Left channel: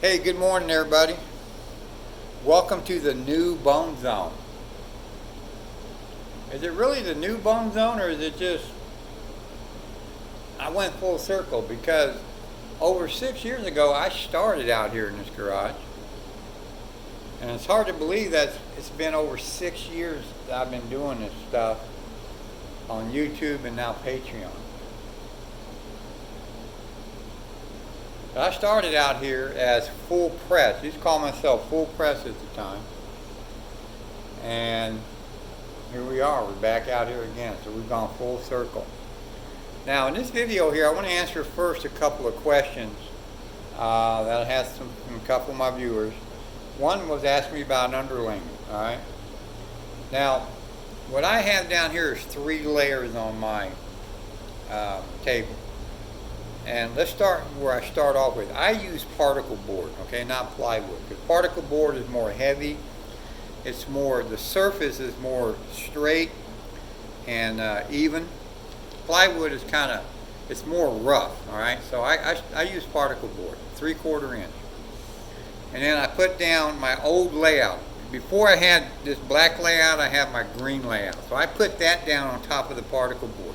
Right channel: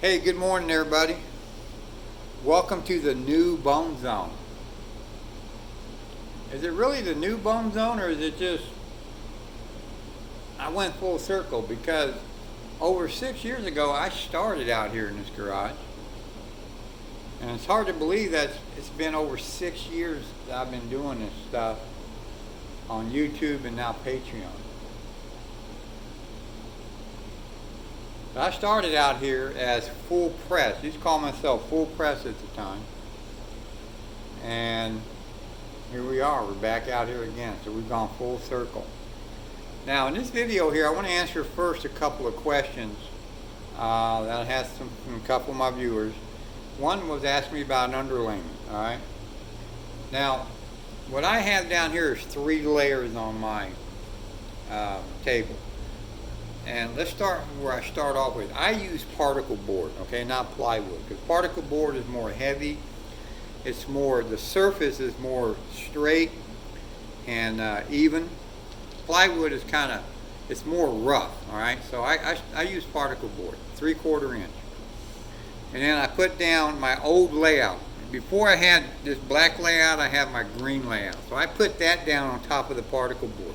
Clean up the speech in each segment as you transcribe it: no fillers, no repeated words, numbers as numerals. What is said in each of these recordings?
Hey, good morning, everybody. Welcome to the new bone zone. Is it really the new bone zone, or is it just I went full circle? Because over 6 years ago, I started out here in this garage, and it's hard to believe that it's been over 6 years that I've been doing this stuff on YouTube and now Patreon. But I started out here as full press. I used to call myself full press at the time. And here we are. We're back out here again. So we've gone full circle. Now in this video here, I want to answer first a couple of questions that I had from a couple of my viewers. One was asking me about an underlayment. All right. Now, what I have down here is 3 layers on my table. And let's start where I start off with. I use particle board, okay, not plywood, because particle board is more heavy. It's more, the surface is more straight and even. Plywood is kind of, it's more rough, all right. So I use particle board, 3/4 inch. And then I put down my old layout. Before I had this black layout, I have my green layout. So I put that down on top of the particle board.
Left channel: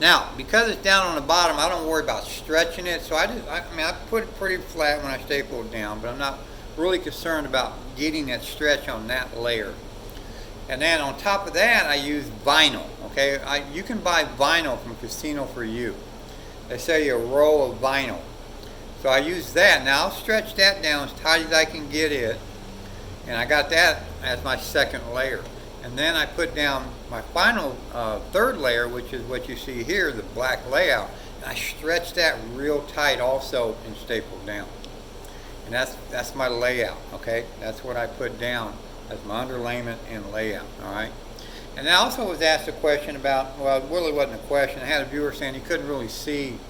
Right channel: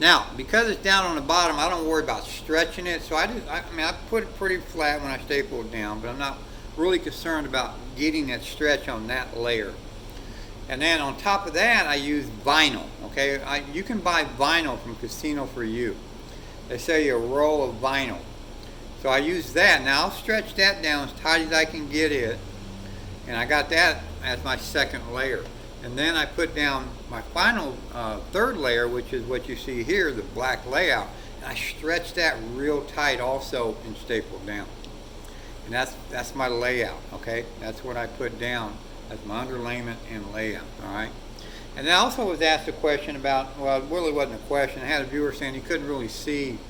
Now, because it's down on the bottom, I don't worry about stretching it. So I put it pretty flat when I staple it down, but I'm not really concerned about getting that stretch on that layer. And then on top of that, I use vinyl. Okay, you can buy vinyl from Casino for You. They sell you a roll of vinyl. So I use that. Now I'll stretch that down as tight as I can get it, and I got that as my second layer. And then I put down my final third layer, which is what you see here, the black layout. And I stretch that real tight also and staple down. And that's my layout, okay? That's what I put down as my underlayment and layout, all right? And I also was asked a question about, well, it really wasn't a question. I had a viewer saying he couldn't really see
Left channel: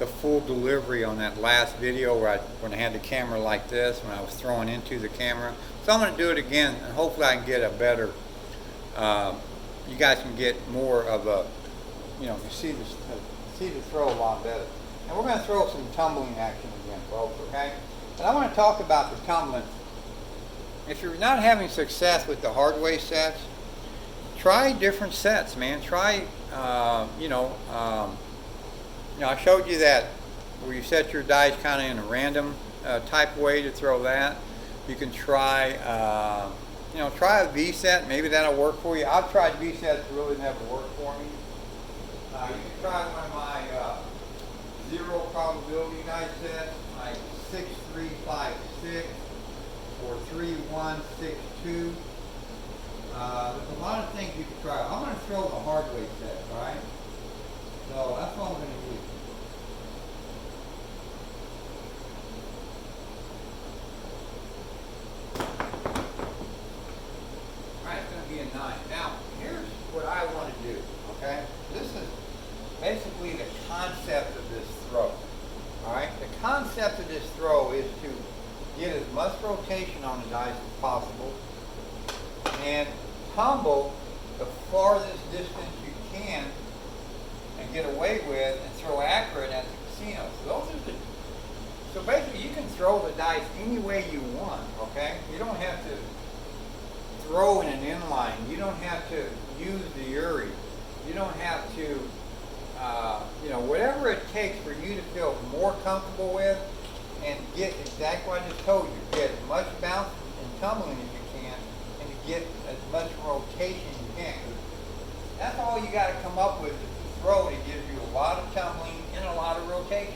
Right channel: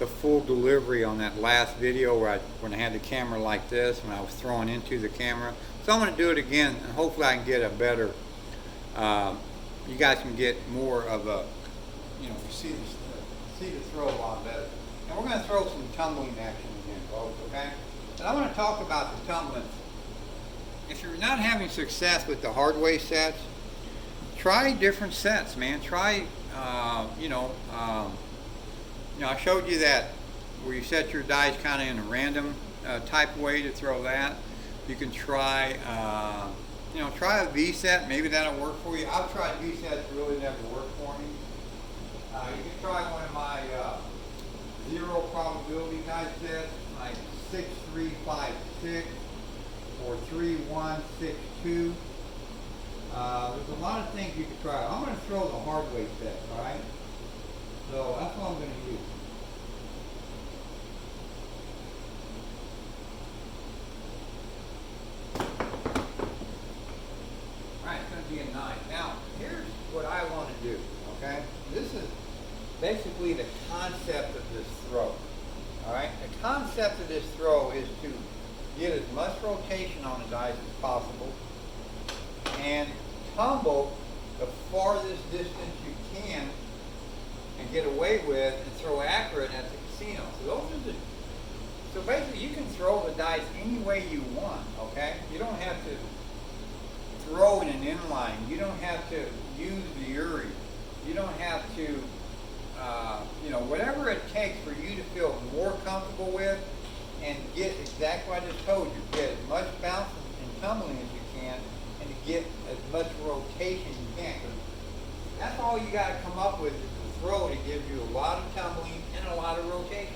the full delivery on that last video when I had the camera like this, when I was throwing into the camera. So I'm going to do it again, and hopefully I can get a better, you guys can get more of a, you see the throw a lot better. And we're going to throw some tumbling action again, folks, okay? But I want to talk about the tumbling. If you're not having success with the hardway sets, try different sets, man. Try, I showed you that where you set your dice kind of in a random type way to throw that. You can try, try a V set. Maybe that'll work for you. I've tried V sets, really never worked for me. You can try one of my 0 probability dice sets, like 6, 3, 5, 6, or 3, 1, 6, 2. There's a lot of things you can try. I'm going to throw the hardway set, all right? So that's what I'm going to use. Alright, it's going to be a 9. Now, here's what I want to do, okay? This is basically the concept of this throw. Alright? The concept of this throw is to get as much rotation on the dice as possible and tumble the farthest distance you can and get away with and throw accurate at the casino. So basically you can throw the dice any way you want, okay? You don't have to throw in an inline. You don't have to use the Uri. You don't have to, whatever it takes for you to feel more comfortable with and get exactly what I just told you. Get as much bounce and tumbling as you can and to get as much rotation as you can. That's all you got to come up with is to throw it. It gives you a lot of tumbling and a lot of rotation.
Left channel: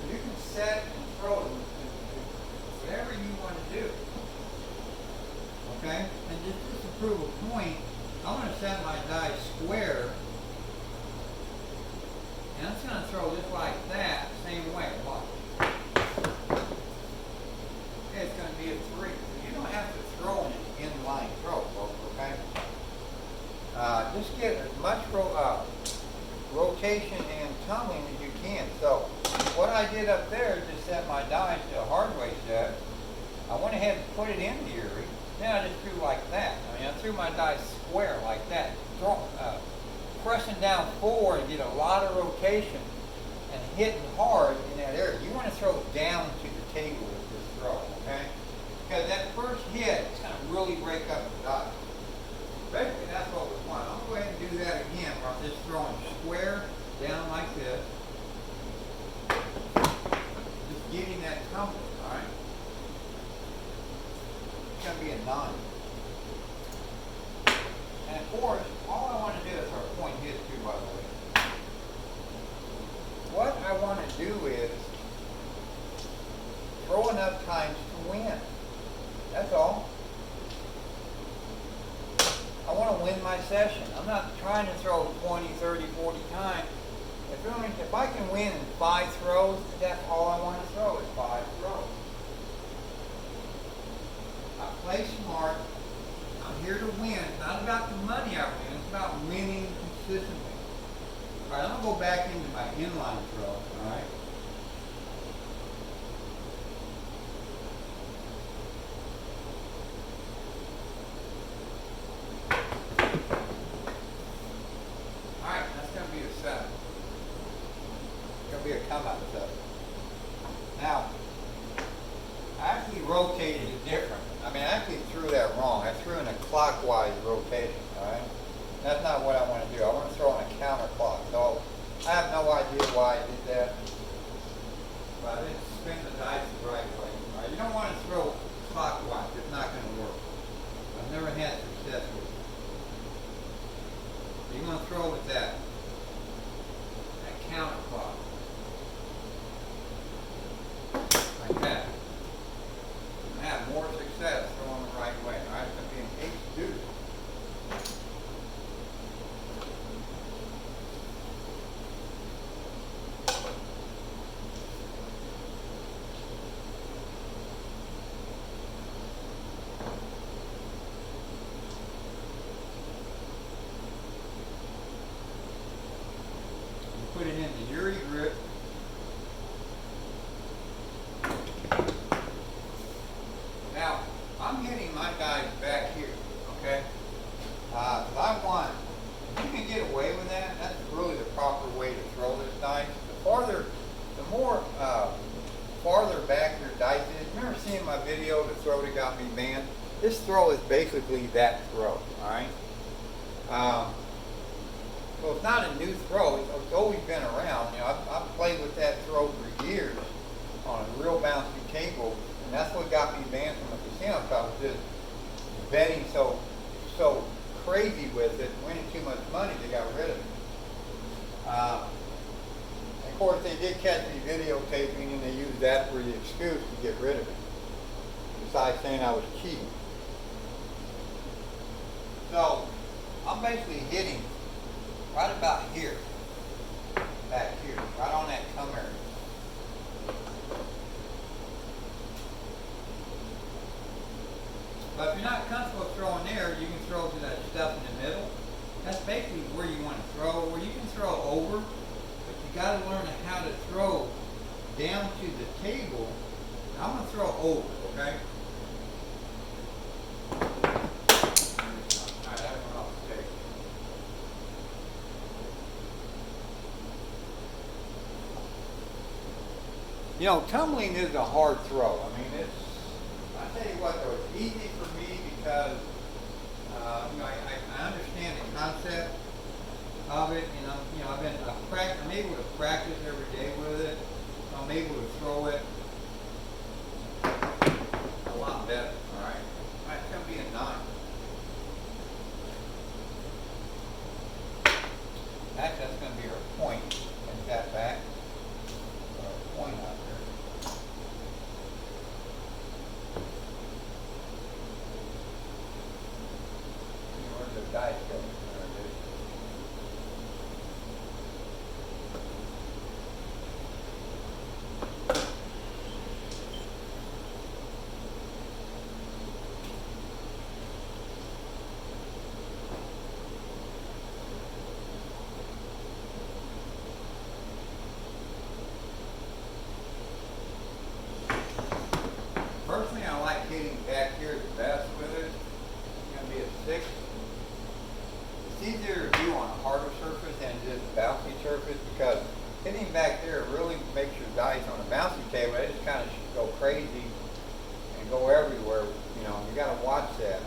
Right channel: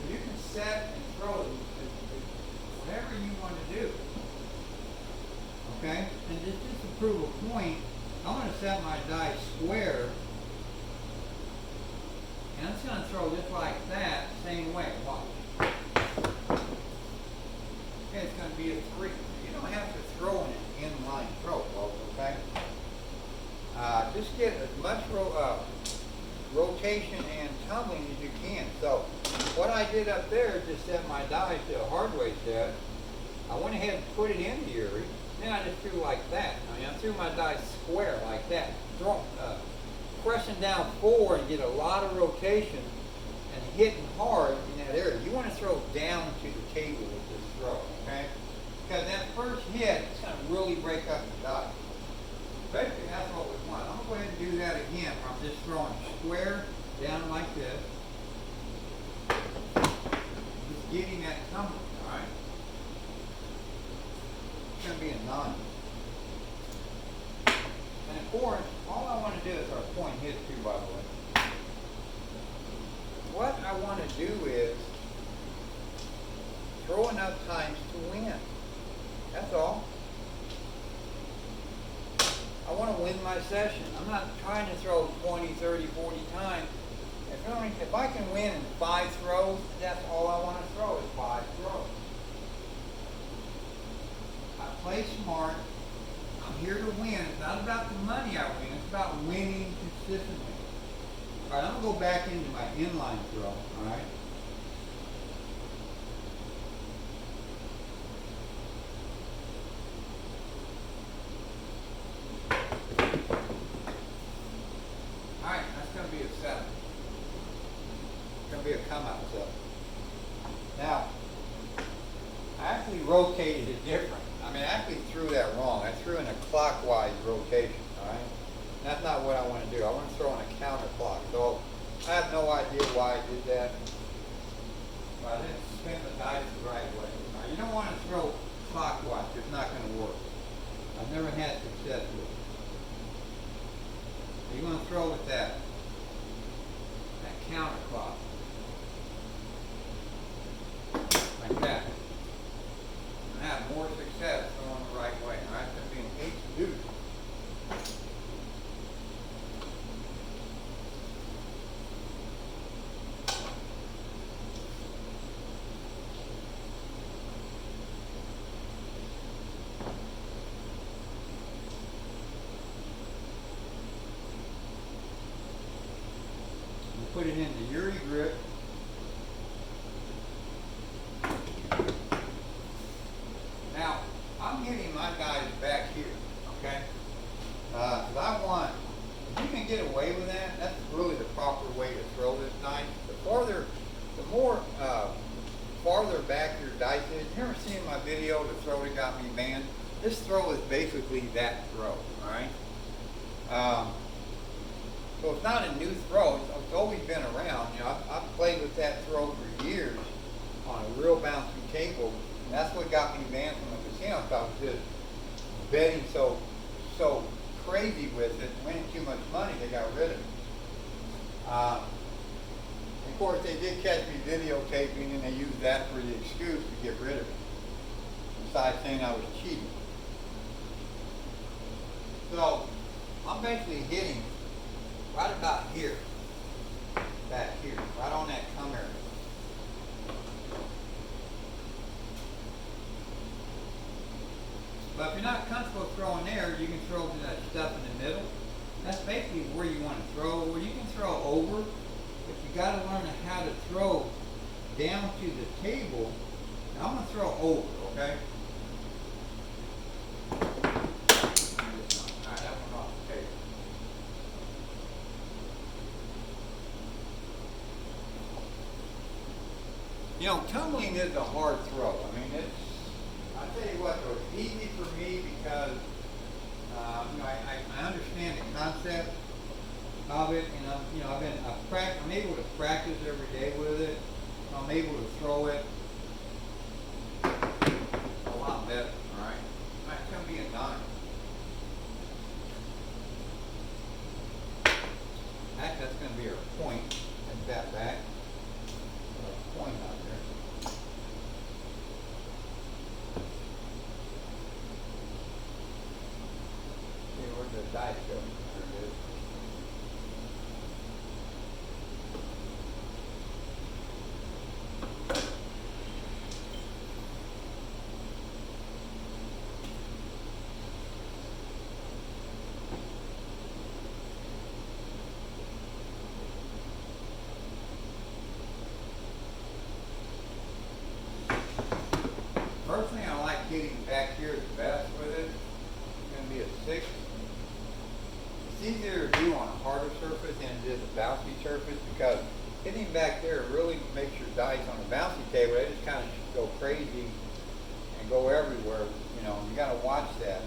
So you can set and throw whatever you want to do. Okay? And just to prove a point, I'm going to set my dice square. And I'm just going to throw just like that, same way. Watch. Okay, it's going to be a 3. You don't have to throw an inline throw, folks, okay? Just get as much rotation and tumbling as you can. So what I did up there is just set my dice to a hardway set. I went ahead and put it in the Uri. Then I just threw like that. I threw my dice square like that. Pressing down forward and get a lot of rotation and hitting hard in that there, you want to throw down to the table with this throw, okay? Because that first hit is going to really break up the dice. Basically, that's what we want. I'm going to go ahead and do that again, where I'm just throwing square down like this. Just getting that tumbling, all right? It's going to be a 9. And of course, all I want to do is our point hit too, by the way. What I want to do is throw enough times to win. That's all. I want to win my session. I'm not trying to throw 20, 30, 40 times. If I can win in 5 throws, that's all I want to throw is 5 throws. I play smart. I'm here to win. It's not about the money I win. It's about winning consistently. All right, I'm going to go back into my inline throw, all right? All right, that's going to be a 7. It's going to be a come-out 7. Now, I actually rotated it different. I mean, I actually threw that wrong. I threw in a clockwise rotation, all right? That's not what I want to do. I want to throw on a counterclock. So I have no idea why I did that. But I didn't spin the dice the right way. All right, you don't want to throw clockwise. It's not going to work. I've never had success with it. So you're going to throw with that counterclock. Like that. And have more success throwing the right way. All right, it's going to be an 8 deuce. Put it in the Yuri grip. Now, I'm hitting my dice back here, okay? Because I want, if you can get away with that, that's really the proper way to throw this dice. The more farther back your dice is, remember seeing my video, the throw that got me banned? This throw is basically that throw, all right? So it's not a new throw. It's always been around. You know, I've played with that throw for years on a real bouncy table, and that's what got me banned from the casino. Because I was just betting so crazy with it, winning too much money, they got rid of it. Of course, they did catch me videotaping, and they used that for the excuse to get rid of it. Besides saying I was cheating. So I'm basically hitting right about here, back here, right on that come area. But if you're not comfortable throwing there, you can throw to that stuff in the middle. That's basically where you want to throw, or you can throw over, but you got to learn how to throw down to the table. Now I'm going to throw over, okay? You know, tumbling is a hard throw. I mean, I tell you what though, it's easy for me because, you know, I understand the concept of it, and I'm able to practice every day with it. So I'm able to throw it a lot better, all right? All right, it's going to be a 9. Actually, that's going to be our point. Take that back. Point out there. See where the dice go. There it is. Personally, I like hitting back here the best with it. It's going to be a 6. It's easier to do on a harder surface than it is a bouncy surface because hitting back there really makes your dice on a bouncy table, they just kind of go crazy and go everywhere. You know, you got to watch that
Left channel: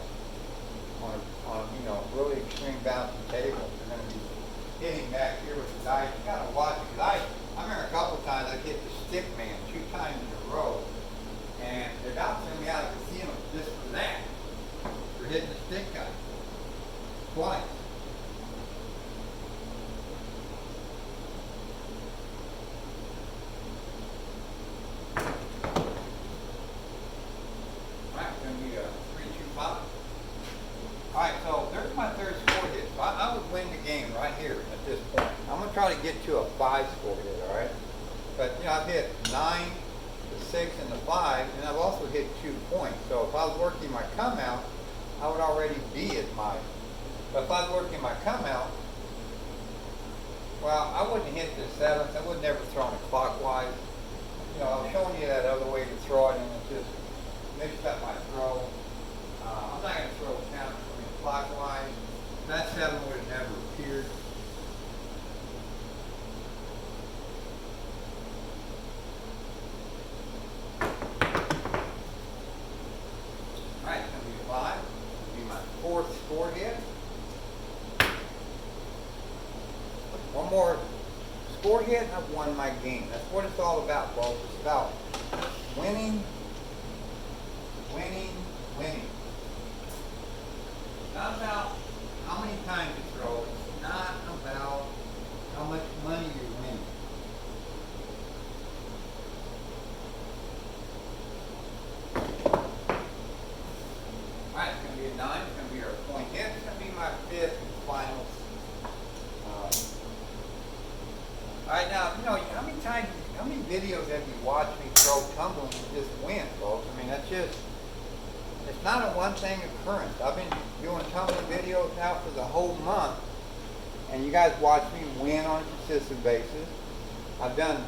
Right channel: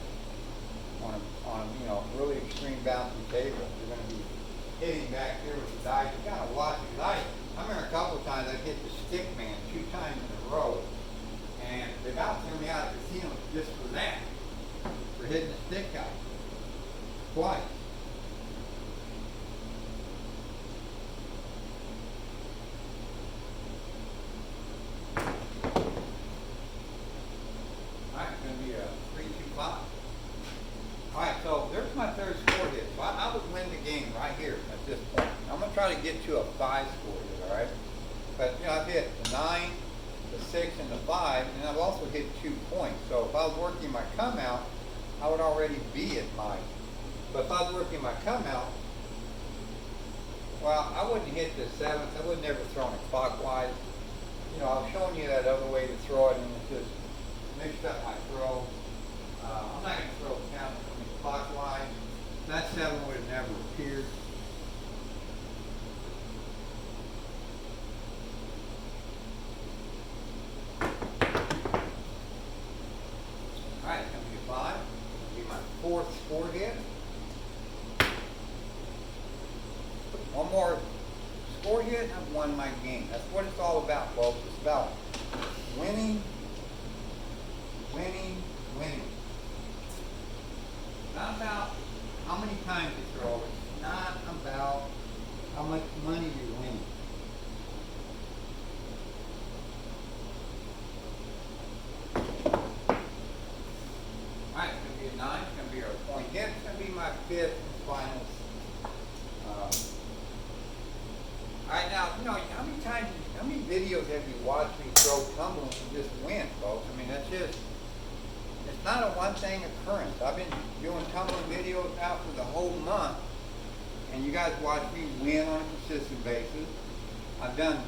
on a you know, really extreme bouncy table. You're going to be hitting back here with the dice. You got to watch it, because I remember a couple of times I hit the stick man 2 times in a row, and they about threw me out of the casino just for that, for hitting the stick guy twice. Alright, it's going to be a 3-2-5. Alright, so there's my third score hit. So I would win the game right here at this point. I'm going to try to get to a 5 score hit, alright? But, you know, I've hit the 9, the 6, and the 5, and I've also hit 2 points. So if I was working my come out, I would already be at my, but if I was working my come out, well, I wouldn't hit the 7th. I would never throw it clockwise. You know, I'm showing you that other way to throw it, and it just mixed up my throw. I'm not going to throw clockwise. That 7 would have never appeared. Alright, it's going to be a 5. It's going to be my 4th score hit. One more score hit, and I've won my game. That's what it's all about, folks. It's about winning, winning, winning. It's not about how many times you throw. It's not about how much money you're winning. Alright, it's going to be a 9. It's going to be our point hit. It's going to be my 5th and final. Alright, now, you know, how many videos have you watched me throw tumbling and just win, folks? I mean, that's just, it's not a one-thing occurrence. I've been doing tumbling videos now for the whole month, and you guys watch me win on a consistent basis. I've done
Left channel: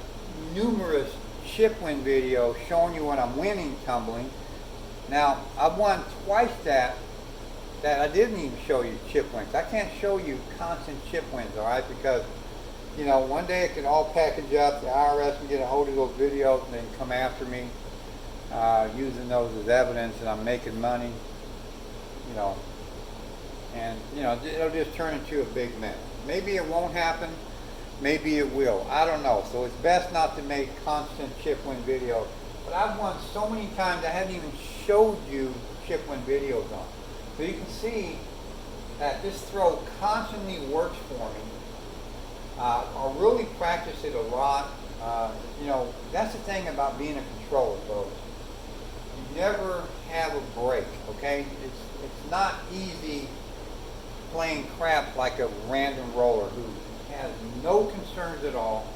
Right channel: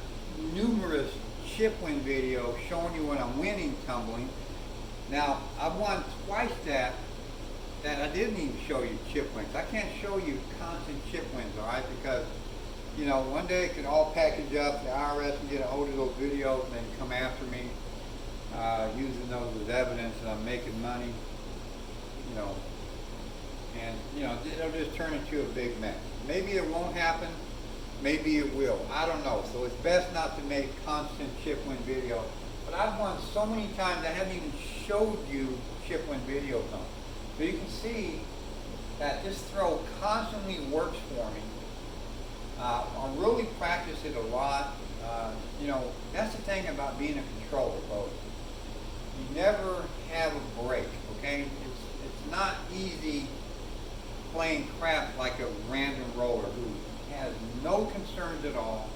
numerous chip win videos showing you when I'm winning tumbling. Now, I've won twice that I didn't even show you chip wins. I can't show you constant chip wins, alright, because you know, one day it could all package up, the IRS can get a hold of those videos and then come after me using those as evidence, and I'm making money, you know, and, you know, it'll just turn into a big mess. Maybe it won't happen, maybe it will, I don't know. So it's best not to make constant chip win videos. But I've won so many times I haven't even showed you chip win videos on. So you can see that this throw constantly works for me. I really practice it a lot. You know, that's the thing about being a controller, folks. You never have a break, okay? It's not easy playing crap like a random roller who has no concerns at all.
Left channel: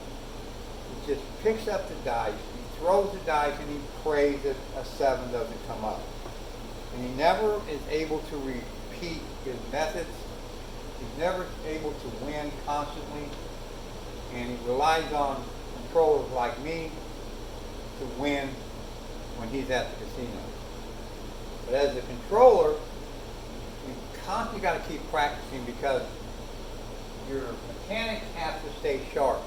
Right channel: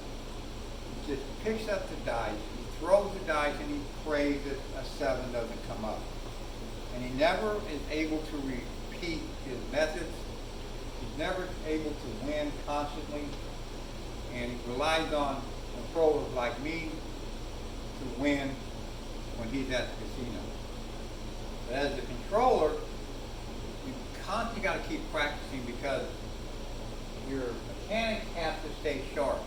He just picks up the dice, he throws the dice, and he prays that a 7 doesn't come up. And he never is able to repeat his methods. He's never able to win constantly. And he relies on controllers like me to win when he's at the casino. But as a controller, you constantly got to keep practicing, because your mechanics have to stay sharp.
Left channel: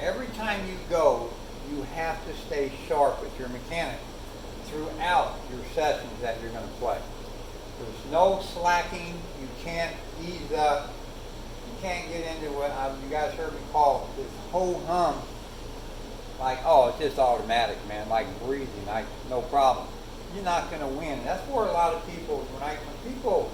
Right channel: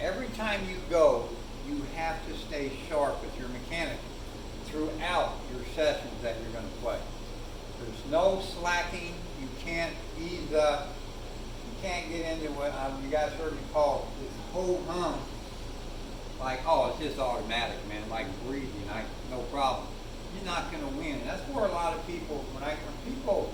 Every time you go, you have to stay sharp with your mechanics throughout your sessions that you're going to play. There's no slacking. You can't ease up. You can't get into what you guys heard me call this whole hum. Like, oh, it's just automatic, man. Like breathing, no problem. You're not going to win. That's where a lot of people, when people,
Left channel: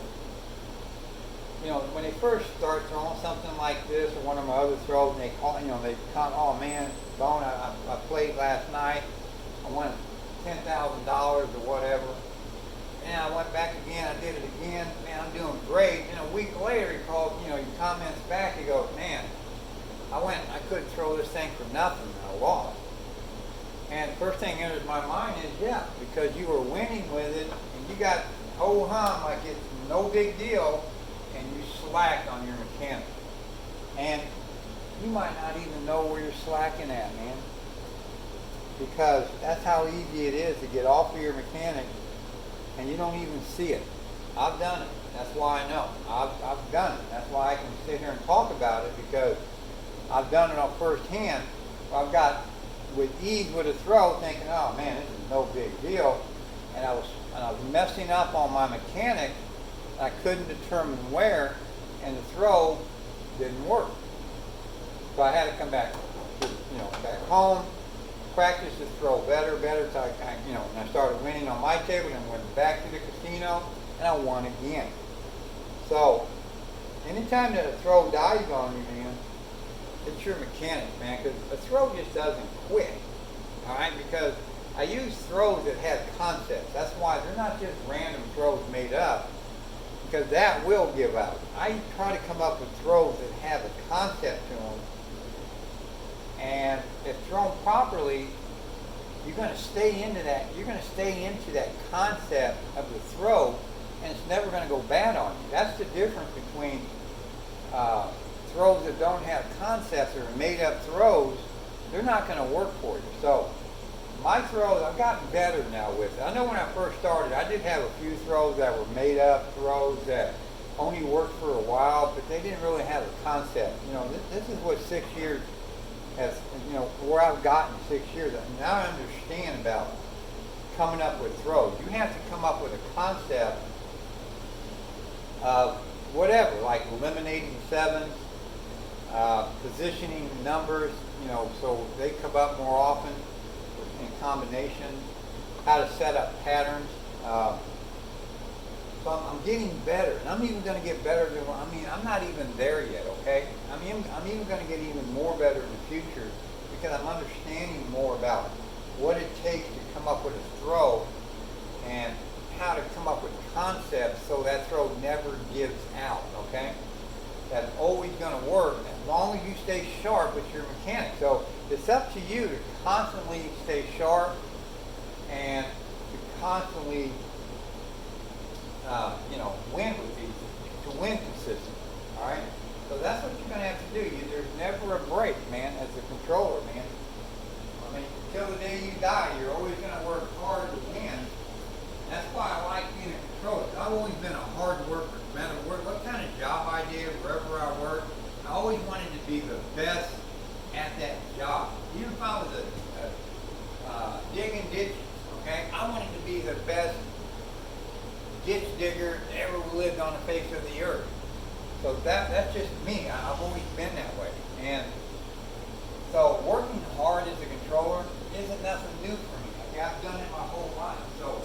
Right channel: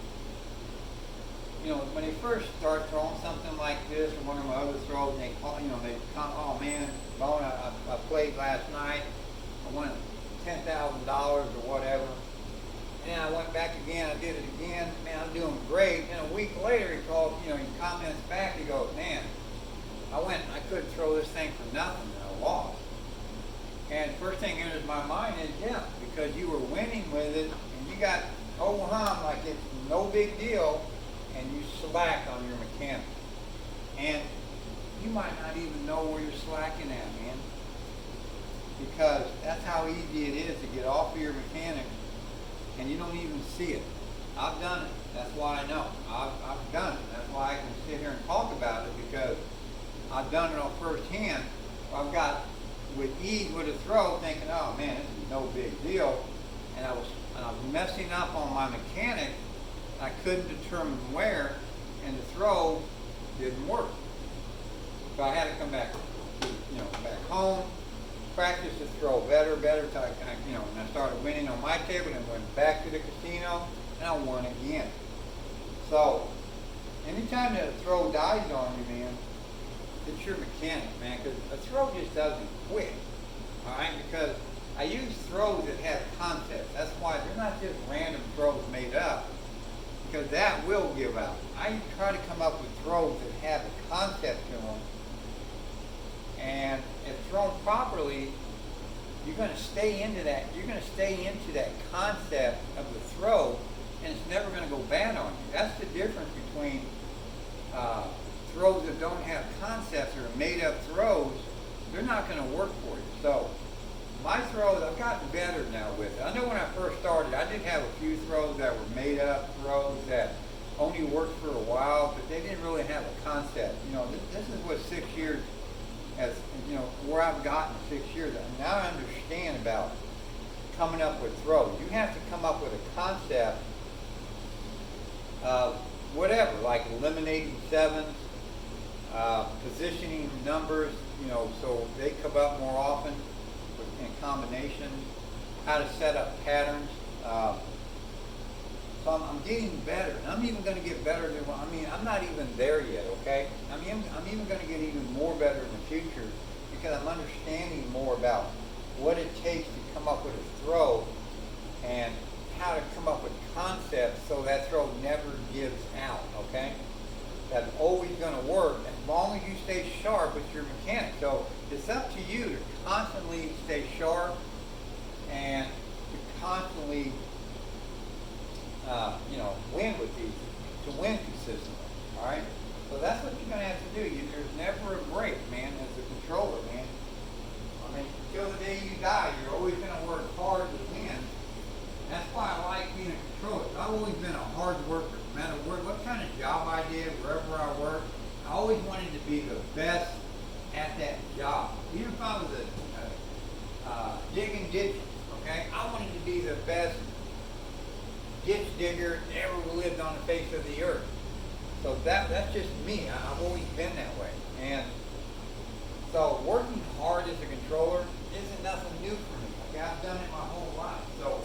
you know, when they first start throwing something like this or one of my other throws, and they call, you know, they come, oh man, Bone, I played last night. I won $10,000 or whatever. And I went back again, I did it again, man, I'm doing great. And a week later, he called, you know, he comments back, he goes, man, I couldn't throw this thing for nothing, and I lost. And first thing enters my mind is, yeah, because you were winning with it, and you got whole hum like it's no big deal, and you slacked on your mechanics. And you might not even know where you're slacking at, man. Because that's how easy it is to get off of your mechanics, and you don't even see it. I've done it. That's why I know. I've done it. That's why I can sit here and talk about it, because I've done it on first hand. I've got with ease with a throw, thinking, oh man, this is no big deal. And I was messing up on my mechanics. I couldn't determine where, and the throw didn't work. So I had to come back, back home, practice the throw better, till and I started winning on my table, and went back to the casino, and I won again. So, anytime that a throw dies on you, man, it's your mechanic, man, because a throw just doesn't quit, all right? Because I use throws that have concepts. That's why they're not just random throws made up, because that will give out. I try to come up with throws that have a concept to them, and if thrown properly, you're going to stay into that. You're going to stay into that concept of the throw, and it's never going to go bad on you. That's the difference between throws that don't have concepts or made up throws. They're not going to work for you. So my throws, I've gotten better now with it. I know when I first started, I did have a few throws that were made up throws that only worked for a while, but they didn't really have a concept. This is what 6 years has, where I've gotten 6 years. Now I understand about coming up with throws. You have to come up with a concept of whatever, like eliminating sevens, positioning numbers, so they come up more often in combinations, how to set up patterns. So I'm getting better, and I'm even going to get better than, I'm not even there yet, okay? I'm even going to get even more better in the future, because I'm understanding more about what it takes to come up with a throw and how to come up with concepts so that throw never gives out, okay? That's always going to work as long as you stay sharp with your mechanic. So it's up to you to constantly stay sharp and to constantly win with these, to win consistently, all right? So that's what you're going to have to do. There's never a break, man, as a controller, man. Until the day you die, you're always going to work hard to win. That's why I like being a controller. I've always been a hard worker. No matter what kind of job I did, wherever I worked, I always wanted to be the best at that job. Even if I was digging ditches, okay? I wanted to be the best ditch digger that ever lived on the face of the earth. So that's just me. I've always been that way. And so working hard as a controller isn't nothing new for me. Okay, I've done it my whole life. So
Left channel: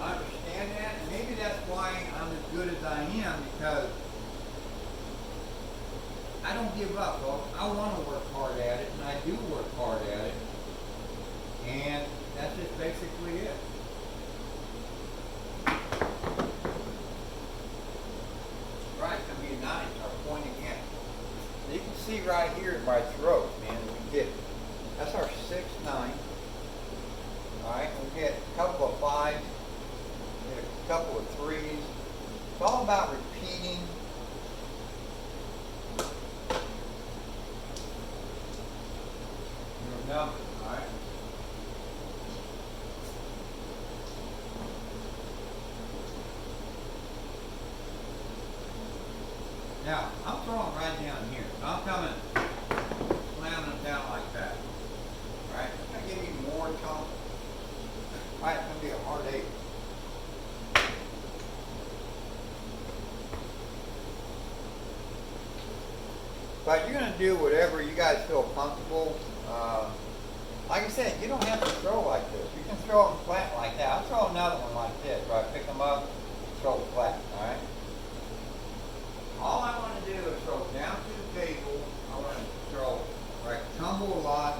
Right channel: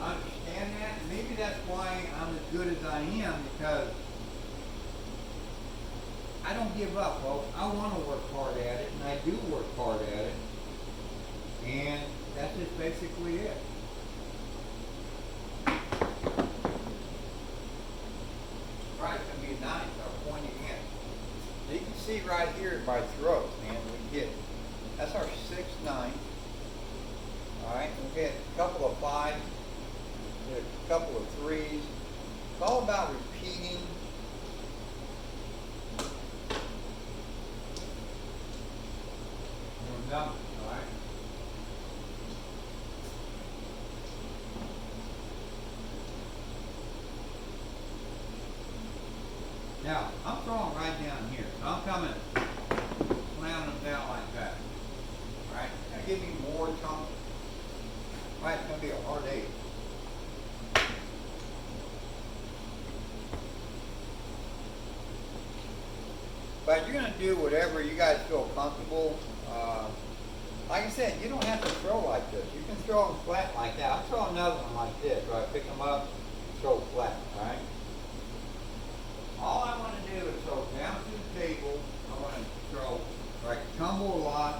I understand that, and maybe that's why I'm as good as I am, because I don't give up, folks. I want to work hard at it, and I do work hard at it. And that's just basically it. Right, it's going to be nice. Our point again. You can see right here at my throat, man, we did it. That's our 6-9. Alright, and we get a couple of 5s, we get a couple of 3s. It's all about repeating your numbers, alright? Now, I'm throwing right down here. So I'm coming, slamming them down like that. Alright, I'm going to give you more tone. Alright, it's going to be a hard 8. But you're going to do whatever you guys feel comfortable. Like I said, you don't have to throw like this. You can throw them flat like that. I'll throw another one like this, right? Pick them up, throw flat, alright? All I want to do is throw down to the table. I want to throw, right, tumble a lot.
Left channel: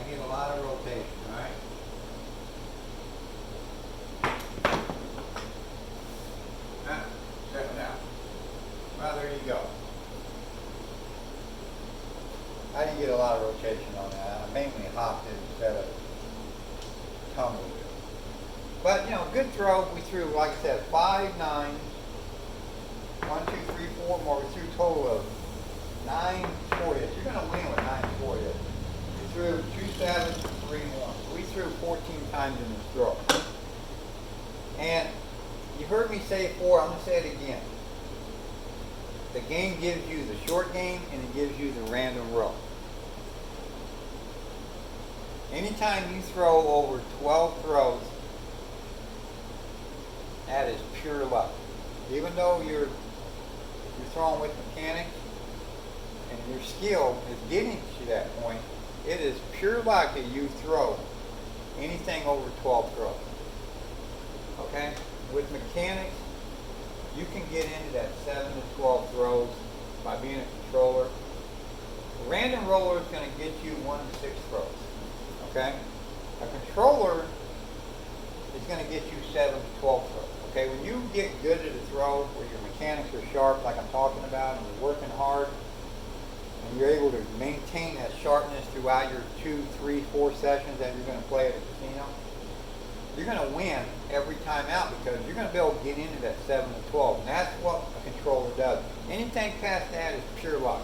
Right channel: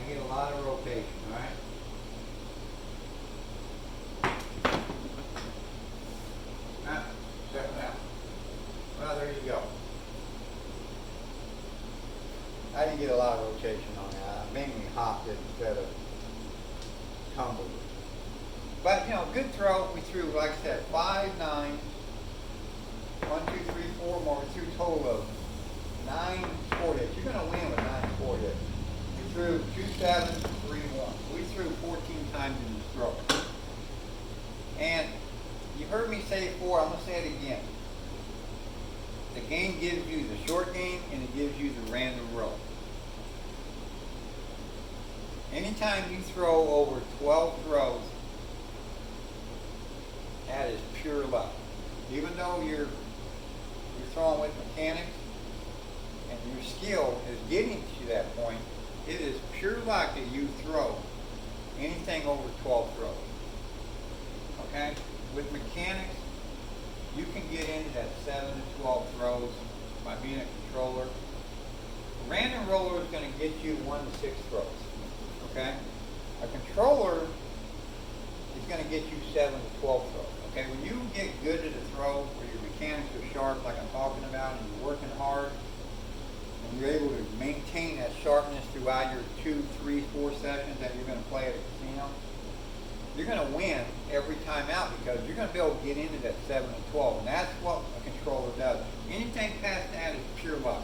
I get a lot of rotation, alright? Check it out. Well, there you go. I didn't get a lot of rotation on that. I mainly hopped it instead of tumbled it. But, good throw. We threw, like I said, 5 9s. 1, 2, 3, 4 more. We threw a total of 9 4 hits. You're going to win with 9 4 hits. We threw 2 7s, 3 1. So we threw 14 times in this throw. And you heard me say it before. I'm going to say it again. The game gives you the short game, and it gives you the random roll. Anytime you throw over 12 throws, that is pure luck. Even though you're throwing with mechanics and your skill is getting you to that point, it is pure luck that you throw anything over 12 throws. Okay? With mechanics, you can get into that 7 to 12 throws by being a controller. A random roller is going to get you 1 to 6 throws. Okay? A controller is going to get you 7 to 12 throws. Okay? When you get good at a throw, where your mechanics are sharp, like I'm talking about, and you're working hard, and you're able to maintain that sharpness throughout your 2, 3, 4 sessions that you're going to play at a casino, you're going to win every time out because you're going to be able to get into that 7 to 12. And that's what a controller does. Anything past that is pure luck.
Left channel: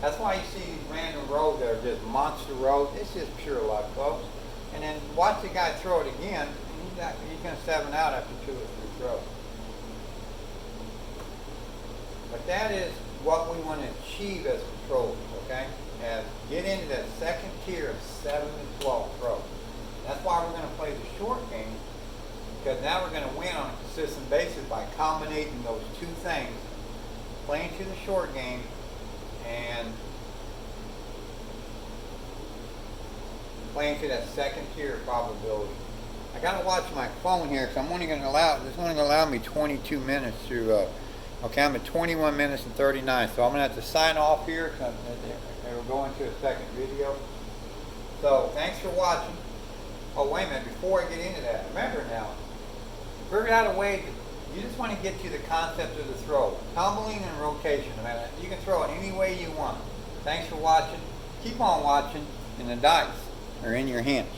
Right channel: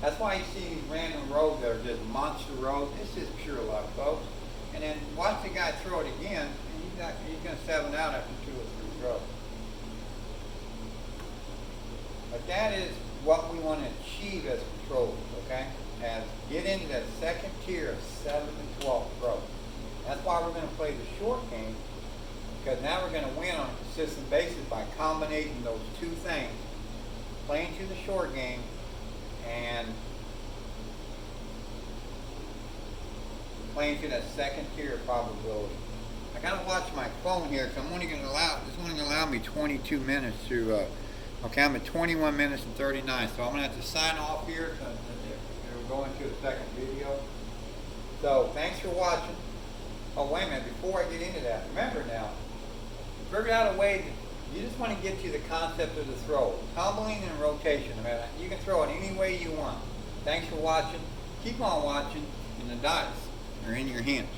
That's why you see these random rows that are just monster rows. It's just pure luck, folks. And then watch the guy throw it again, and he's going to 7 out after 2 or 3 throws. But that is what we want to achieve as controllers, okay? As get into that second tier of 7 to 12 throws. That's why we're going to play the short game, because now we're going to win on a consistent basis by combinating those two things, playing to the short game and playing to that second tier of probability. I got to watch my phone here, because I'm only going to allow me 22 minutes to. Okay, I'm at 21 minutes and 39, so I'm going to have to sign off here, and we'll go into the second video. So, thanks for watching. Oh, wait a minute, before I get into that, remember now, figure out a way to, you just want to get to the concept of the throw. Tumbling and rotation. I mean, you can throw it any way you want. Thanks for watching. Keep on watching, and the dice are in your hands.